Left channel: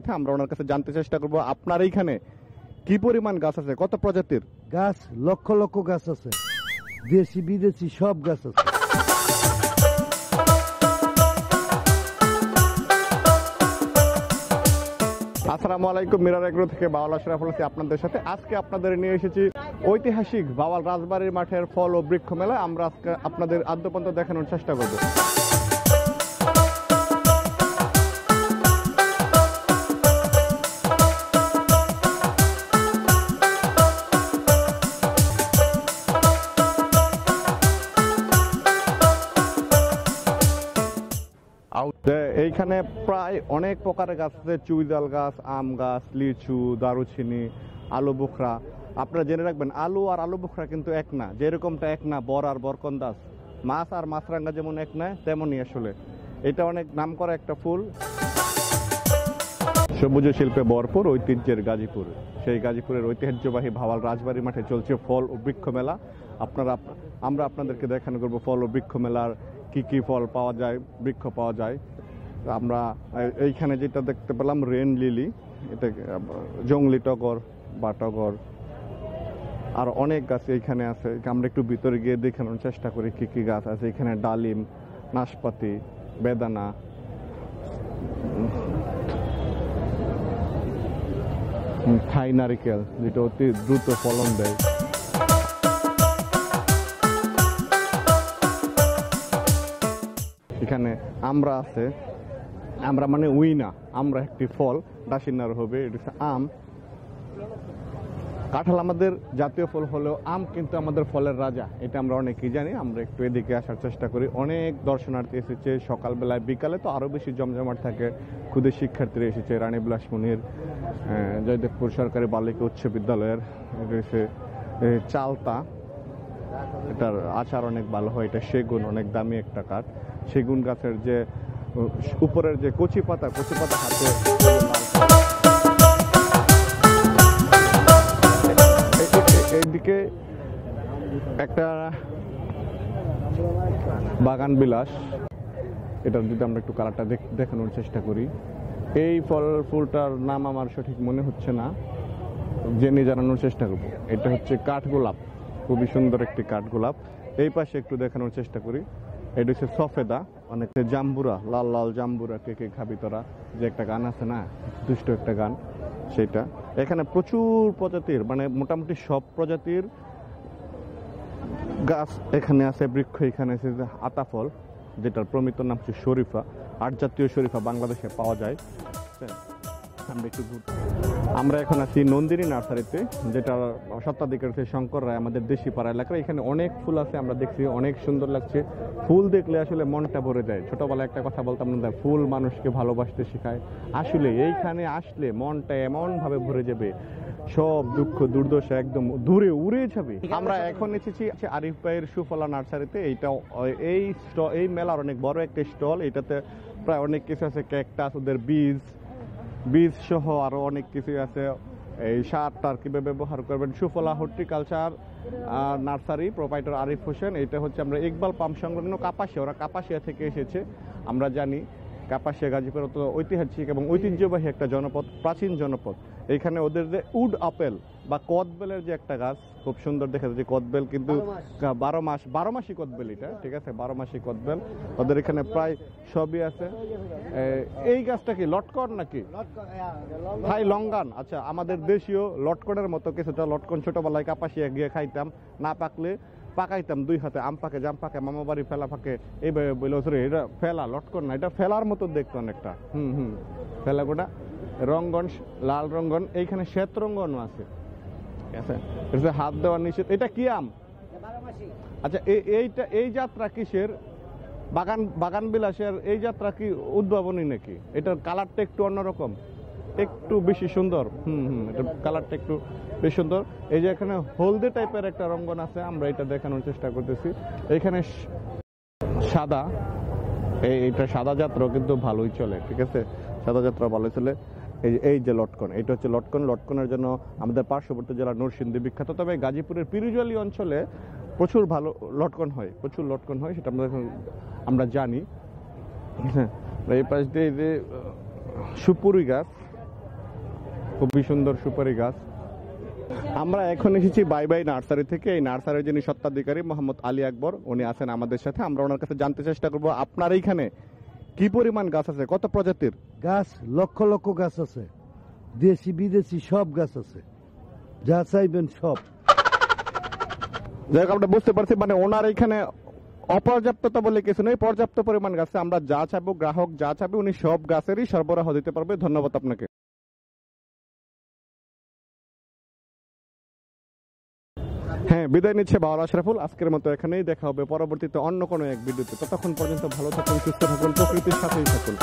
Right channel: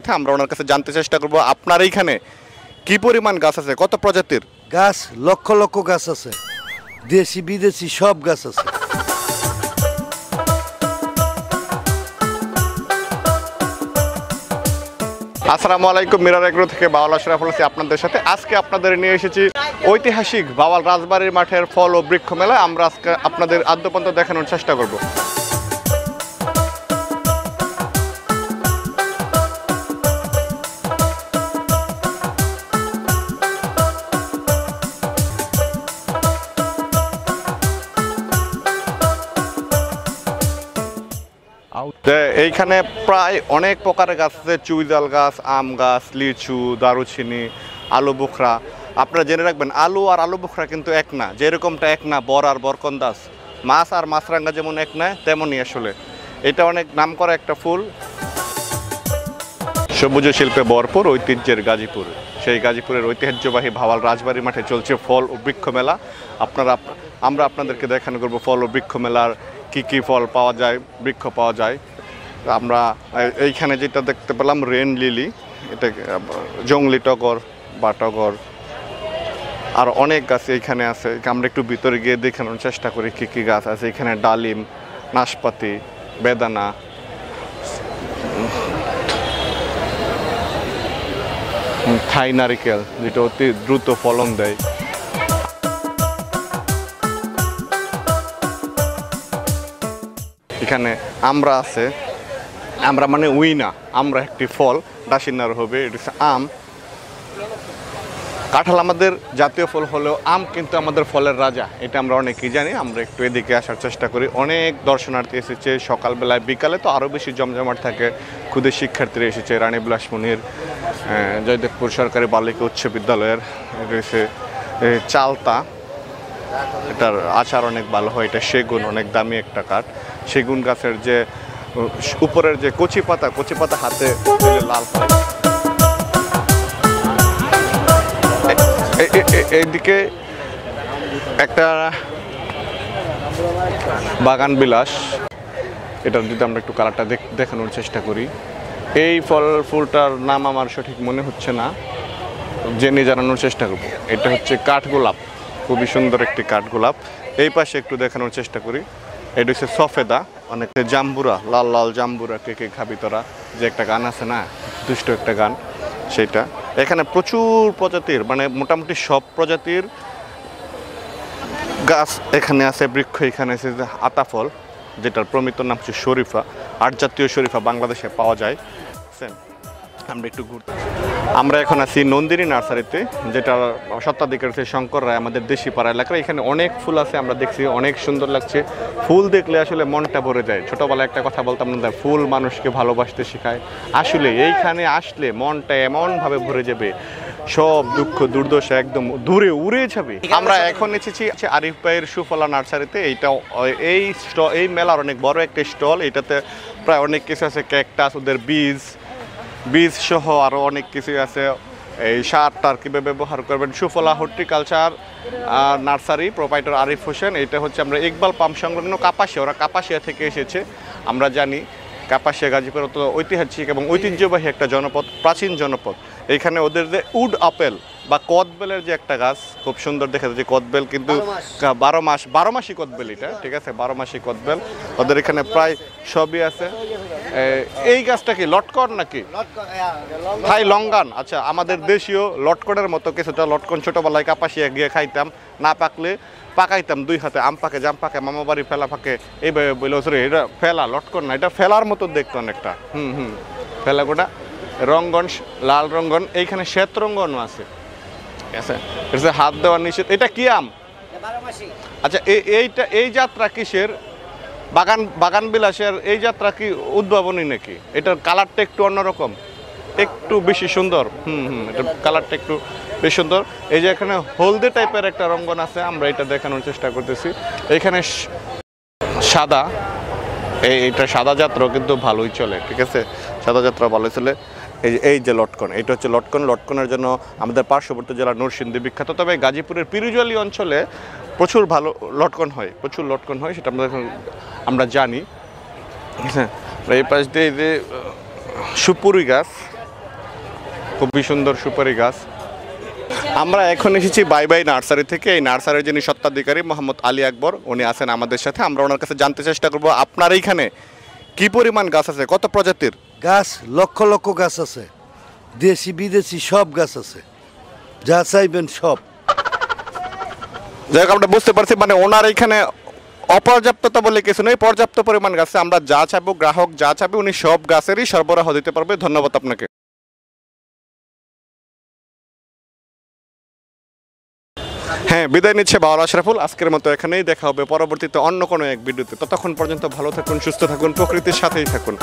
আমরা ওনার কাছে জানতে চেষ্টা করব আপনার এইখানে কি পরিমাণ গাছ আছে, কত প্রজাতির গাছ? লক্ষ লক্ষ গাছ আছে, দেশি বিদেশি সব গাছ আছে। আসসালামু আলাইকুম, মিরার এগ্রো থেকে বাওয়াল আশরাফুল আছি আপনাদের সাথে। আজকে আপনাদের নিয়ে এসেছি ঐতিহাসিক বাওয়াল রাজবাড়ির মাঠের ফল ও বৃক্ষ মেলা। আমরা আজকে আপনাদের আদ্যপন্ত দেখানোর চেষ্টা করব। এইখানে প্রায় অনেক প্রকারের গাছ আছে, চুইজাল গাছ, আম গাছ, লিচু, দারুচিনি, আলু বোখরা। আপনারা জেনে রাখবেন আলু আর আলু বোখরা কিন্তু এক না, যেরকমটা এক না বর আর বরকন্দাজ, মাছ আর মাছরাঙ্গা যেমন এক না তেমনই আসলে এটা অনেক নাম করা একটা ফুল। সবুজ শিল্পে ভরপুর ঐতিহ্যের গাজীপুর, সেই গাজীপুরের ঐতিহ্যবাহী ভাওয়াল রাজবাড়ি মাঠে চলছে ফল ও বৃক্ষ মেলা। আমরা আপনাদেরকে দেখানো করব ফল ও বৃক্ষ মেলার কি কি ফল পাওয়া যায়, বৃক্ষ পাওয়া যায়। আমরা এইখানে যেটা দেখতে পেলাম রেন লিলি, এটা জংলি টগর বা টগর, আর অনেক গাছ এইখানে আছে। আমরা একটু ভিতরে গিয়ে দেখানোর চেষ্টা করি কি কি গাছ আছে এখানে। ডালিম, নাশপাতি, বেদানা, থাই নারিকেল যেটা অতি দ্রুত ফলন দেয়। এখানে আমরা আছে, আমরা মানে উইনা, আমরা একটি ফল, ডাসিনার হবে, এটা হচ্ছে আম। কাঁঠাল আমাদের জাতীয় ফল হলেও আম কিন্তু আমাদের ফলের রাজা, এটা আমরা অনেকেই জানি। আমরা একটু এদিকে আসার চেষ্টা করি। অনেক দর্শনার্থী এসেছে সকালবেলায়, বিকালে তো আরও বেশি জমজমাট থাকে। ক্ষুদে শিক্ষার্থীরা এসেছে রানী বিলাসমণির জয়দেবপুর সরকারি বালিকা উচ্চ বিদ্যালয়ের। রয়েছে চালতা, এটার আচার অনেক ভালো হয়। এটা সেগুন, অনেক দামি একটা কাঠ। সেগুন গাছের যে উপরের যে কচি পাতা হাতে লাল। এইদিকে একটা বাগান বিলাস, এটা যদি আমরা একটু কালারটা দেখানোর চেষ্টা করি। এই ফুলটার নাম আমার সঠিক মনে হচ্ছে না, জেনে জানানোর চেষ্টা করব। এটা হচ্ছে কাঠগোলাপ, খুবই সুন্দর একটি কাঠগোলাপ। এই পাশে একটু দেখানোর চেষ্টা করি। এটা হচ্ছে সফেদা, অনেক জাম্বুরা, লাল লাল জাম্বুরা, কে কে খাবি তোরা, যে একটা গান আছে না, দুষ্ট একটা গান, সেইটা। এখানে প্রচুর প্রজাতির, মানে মোটামুটি সব প্রজাতির গাছ এখানে আছে, বৃক্ষ এখানে আছে। আতাফল, যেটার প্রমিত নাম হচ্ছে শরীফা, ৮ জাতীয় শরীফা বাংলাদেশে পাওয়া যায়। আমরা একটু ঘুরতে, আমরা এখন আছি নন্দিনী নার্সারিতে, যেটা স্বত্বাধিকার হচ্ছে শঙ্কর রায়, আমাদের দেশি পাড়া এলাকায়। এখানে অনেক ফুল আছে, আমরা দেখছি অনেক সুন্দর লাগছে। ফুল দেখলে আসলে মনটা ভরে যায়। ছোটোবেলায় একটা কথা বলতাম না, ফুল মানুষকে ভালোবাসতে শেখায়। আসলে এইখানে আসলে মনটা এমনভাবে ভরে যাবে, সব দুঃখ দুর্দশা একদম দূরে উড়ে যাবে। আমরা এখন এসেছি আরিফ ভাইয়ের সুফলা নার্সারিতে। এই মেলার অনেক বড় একটা স্টল। এটাতে প্রায় অনেক কিছু আছে, ক্যাকটাস, ওদের বীজ সহ আরও অনেক কিছুই আছে। এই সারটার কীভাবে ব্যবহার করবেন। Sufala horticulture nursery, proprietor Arif Hossain. এটা হচ্ছে আমরা ইকবাল পাম্প সংলগ্ন কাপাসিয়া, ওরা কাপাসিয়া থেকে এসেছে। আমরা জানি কাপাসিয়া গাজীপুর তো ঐতিহাসিক এবং ঐতিহ্যবাহী একটা জনপদ, প্রাচীন জনপদ। এইখানে ওদের যে উড আপেল বা কদবেলের যে একটা গাছ, খুব সুন্দর দেখা যায় যে কদবেল, কিন্তু 12 মাসি কদবেল এটা, ঠিক আছে, 12 মাসি কদবেল ওদের এখানে প্রায় সবই আছে। এই গাছটা কি লটকন নাকি থাই লঙ্গান? আচ্ছা, আমাদের দেশীয় লটকনের মতো কিছুটা লটকন। ছোটোবেলায় কাপাসিয়া গিয়ে খাইতাম, না পাকলে পাকাইতাম 2 হাতে, আম পাকে, জাম পাকে, মামা বাড়ি ফেলা পাকে, এইভাবে বলে সরি এটা ফেলা, লটকন না, এটা ফেলার মতো দেখতো অনেকটা। ফেলা গোটা রঙ্গন, লাল রঙ্গন, এইখানে শ্বেত রঙ্গনও আছে, ঠিক আছে। এটা হাত দেওয়ার নিষেধ। এটা কি আম? আচ্ছা, এই যাত্রা কিসের? বাগান বিলাসের এই যাত্রা কি উদ্ভাবনী নাকি? এটার কালারটা একটু অন্যরকম, একটু বেশি সুন্দর। এটার কালারটা একটু বেশ সুন্দর। এই যে এখানে হলদে টাইপের একটা রঙ্গন আছে, আমরা এটা দেখানোর চেষ্টা করতেছি। এখানে সাদা, এইটা সাদা যাত্রা কিন্তু ভালোই চলে, ঠিক আছে, সাদা যাত্রা ভালোই চলে। এই যে লটকন, এটা হচ্ছে লটকনের জন্য আমাদের পার্শ্ববর্তী জেলা নরসিংদী বিখ্যাত। তবে গাজীপুরের পিরুজলি অঞ্চলে প্রচুর ভালো লটকন হয়, সেটা আমরা জানি। হ্যাঁ, এই পাশ দিয়ে যে সুপুরি গাছ, খুবই সুন্দর সুপারি গাছ। আমরা এখন এসেছি বাই বাই নার্সারি থেকে। এই নার্সারির যিনি স্বত্বাধিকারী মোহাম্মদ আলী আকবর, উনি আছেন আমাদের সাথে। আমরা ওনার কাছে জানতে চেষ্টা করব আপনার এইখানে কি পরিমাণ গাছ আছে, কত প্রজাতির গাছ লক্ষ লক্ষ গাছ আছে, দেশি বিদেশি সব গাছ আছে, যা চাইবেন সব। যাই হোক, আমরা বুঝতে পারছি মানে ওনার এইখানে অপর্যাপ্ততা বলে কিছু নেই, পর্যাপ্ত পরিমাণ গাছে আমরা যা চাইবো, গ্রাহক যা চাইবে উনি সব গাছেরই সরবরাহ দিতে পারবে। ধন্যবাদ আপনাকে। হ্যাঁ, বিদায় নিচ্ছে বাউল আশরাফুল। আজকের মতো এখানেই, দেখা হবে পরবর্তীতে অন্য কোনো এক ভিডিওতে। ততক্ষণ পর্যন্ত ভালো থাকুন, সুস্থ থাকুন, প্রকৃতির সাথেই থাকুন।